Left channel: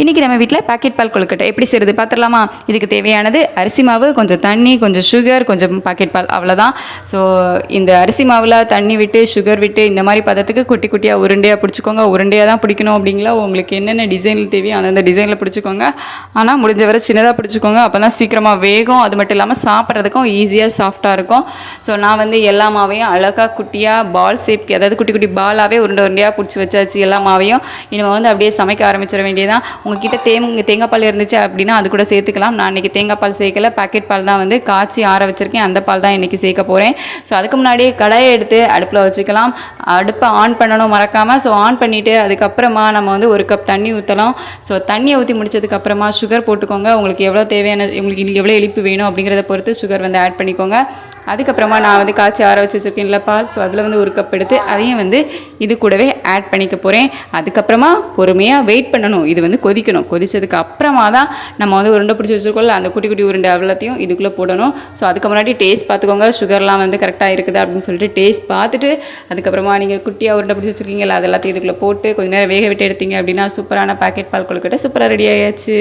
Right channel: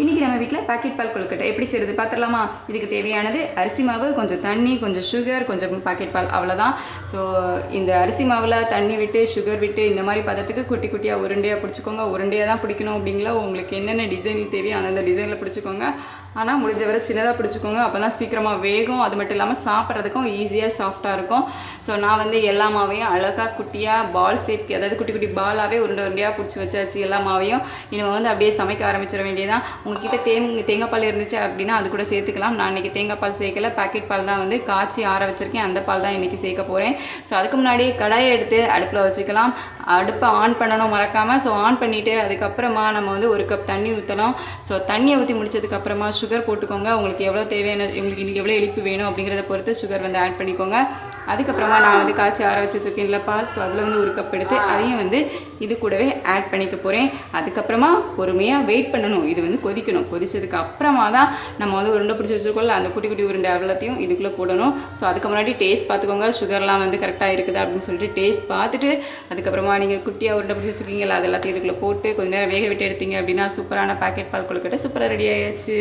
இன்றைக்கி நம்ம வீட்டில் பாக்கெட் பால் கொழுக்கட்டை எப்படி செய்கிறது பார்த்துடலாமா? இதுக்கு தேவையானது அரிசி மாவு, கொஞ்சம் தண்ணி, கொஞ்சம் சுகர், கொஞ்சம் பாக்கெட் பால், அவ்வளோதான். ஸோ இந்த அரிசி மாவில் தண்ணி விட்டு சுகர் விட்டு இந்த மாதிரி பதத்துக்கு குட்டி குட்டியாக உருண்டையாக பிடிச்சிக்கோங்க. உருண்டையாக தான் பிடிக்கணும் அப்படிங்களா, உங்களுக்கு என்னென்ன டிசைனில் தேவையோ அந்தந்த டிசைனில் பிடிச்சிக்கோங்க. ஆனால் முடிஞ்ச வரை சின்னதாக பிடிச்சிக்கோங்க, அப்போ தான் சீக்கிரமாக வேகும். அது மட்டும் இல்லாமல் சாப்பிட்றதுக்கும் ஈஸியாக சாஃப்டாக இருக்கும். ஸோ நான் வந்து எல்லா மாவையும் அழகாக குட்டியாக பால் ஷேப்க்கு, அதாவது குட்டி குட்டி பாலாகவே உருண்டையாக பிடிச்சி வச்சாச்சு எல்லா மாவையும். இனிமேல் வந்து அப்படியே சமைக்க ஆரம்பிச்சிட வேண்டியதான். உங்ககிட்ட தேங்காய் பால் இருந்துச்சு அப்படின்னா அது கூட சேர்த்துக்கலாம். நான் இன்றைக்கி தேங்காய் பால் சேர்க்கல, பாக்கெட் பால் தான் வந்து காய்ச்சி ஆற வச்சுருக்கேன். அந்த பால் தான் இன்றைக்கி சேர்க்க போகிறேன். ஸோ அதுக்கு முன்னாடி கடாயை எடுத்து அடுப்பில் வச்சுக்கலாம். அடுப்பை ஆன் பண்ணணும் மறக்காமல். ஸோ ஆன் பண்ணிவிட்டு அதுக்கப்புறமா நம்ம வந்து 1 கப் தண்ணி ஊற்றலாம். ஸோ தண்ணியை ஊற்றி முடிச்சதுக்கப்புறமா சுகர் போட்டுக்கோங்க. உங்களுக்கு எவ்வளோ தேவையான, உங்களுக்கு இன்றைக்கி எவ்வளோ இனிப்பு வேணும் அப்படிங்கிறத பொறுத்து சுகர் வந்து ஆட் பண்ணிக்கோங்க. அதுக்கப்புறமா நான் வந்து காய்ச்சி ஆற வச்சு வச்சுருக்கேன்ல பால், ஸோ அதில் வந்து 1 கப் எடுத்து அதையும் வந்து இது கூடவே ஆட் பண்ணிக்க போகிறேன். அதுக்கப்புறமா பொறுமையாக வெயிட் பண்ணணும். இது வந்து கொதிக்கணும். கொதிச்சதுக்கு அப்புறமா தான் நம்ம வந்து உருண்டை பிடிச்சி வச்சுருக்கோம்ல, அந்த குட்டி குட்டி உருண்டை அவ்வளோத்தையும் இதுக்குள்ளே போடணும். ஸோ அதுக்கு முன்னாடி டேஸ்ட் பார்த்துக்கோங்க, சுகர்லாம் வந்து கரெக்டாக இருக்குதா அப்படின்னு சொல்லிட்டு டேஸ்ட் பார்த்துட்டு அதுக்கப்புறமா நீங்கள் குட்டியாக உருண்டை பிடிச்சி வச்சுருக்கீங்களா, அது எல்லாத்தையும் இதுக்குள்ளே போட்டு கொஞ்சம் நேரம் வேக விட்டு எடுத்தீங்க அப்படின்னா சூப்பரான பாக்கெட் பால் கொழுக்கட்டை சூப்பராக ரெடி ஆயாச்சு.